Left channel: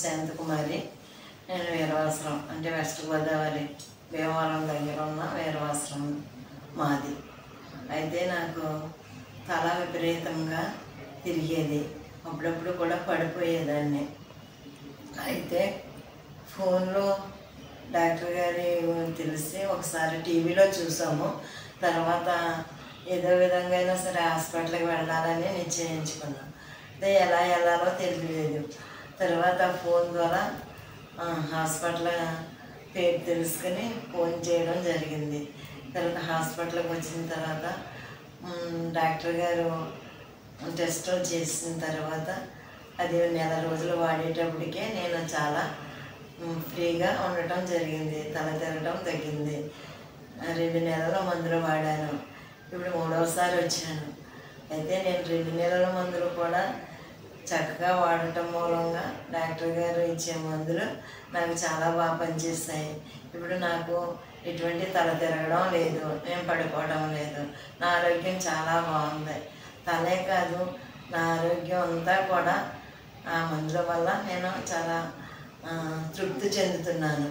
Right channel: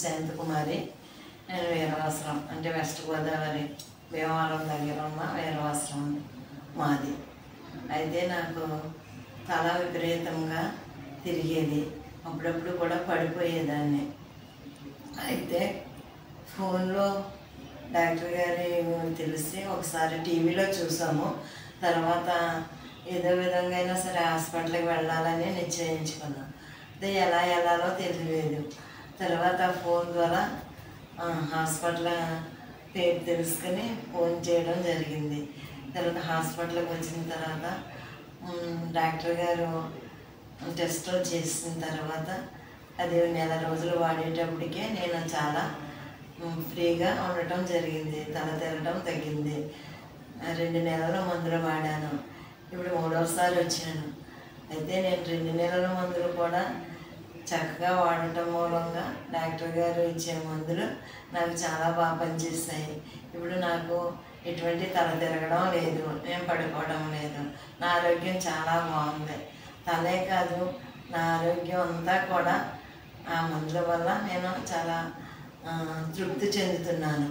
శాంతకుమారి. నేను వీరవాసరం అంటే వెస్ట్ గోదావరి భీమవరం దగ్గర ఉన్న వీరవాసరం మాది. అయితే నాకు తల విపరీతంగా తిరిగేది, అప్పుడప్పుడు కూడా పడిపోయేదాన్ని. అయితే ఫోన్లో డాక్టర్ గారి తెలిసి ఒకసారి టీవీలో చూసాము. తర్వాత ఏదో విధంగా అయినా సరే హాస్పిటల్కి వెళ్ళాలని నిశ్చయించుకున్నాం. అదే ఎలా వెళ్ళాలో తెలియలేదు. తర్వాత ఫోన్ ద్వారా హాస్పిటల్ పేరు తెలుసుకుని ఫోన్ చేయడం జరిగింది. తర్వాత హాస్పిటల్కి వచ్చిన తర్వాత డాక్టర్ గారు టెస్టులు చేసిన తర్వాత అది నెల రోజులు వాడేటప్పటికే నేను చాలా ఫ్రీగా ఉండటం జరిగింది. తల తిరగడం తగ్గింది. 2 నెలల మందులు వాడాను. ఇప్పుడు 3వసారి వచ్చాను. అయితే నేను 2 నెలల మందులు కూడా చక్కగా వాడటం మూలంగా డాక్టర్ గారు ఇచ్చే మందులు నాకు చాలా బాగా పనిచేస్తాయి. ఇప్పుడు నాకు ఎటువంటి తల తిరగడం లేదు, నేను పడిపోవడం లేదు. నా ఆరోగ్యం చాలా బాగుంది. తలే కాదు, నా ఆరోగ్యం అంతా కూడా ఆ మందుల వల్ల నేను చాలా తృప్తి చెందుతున్నాను.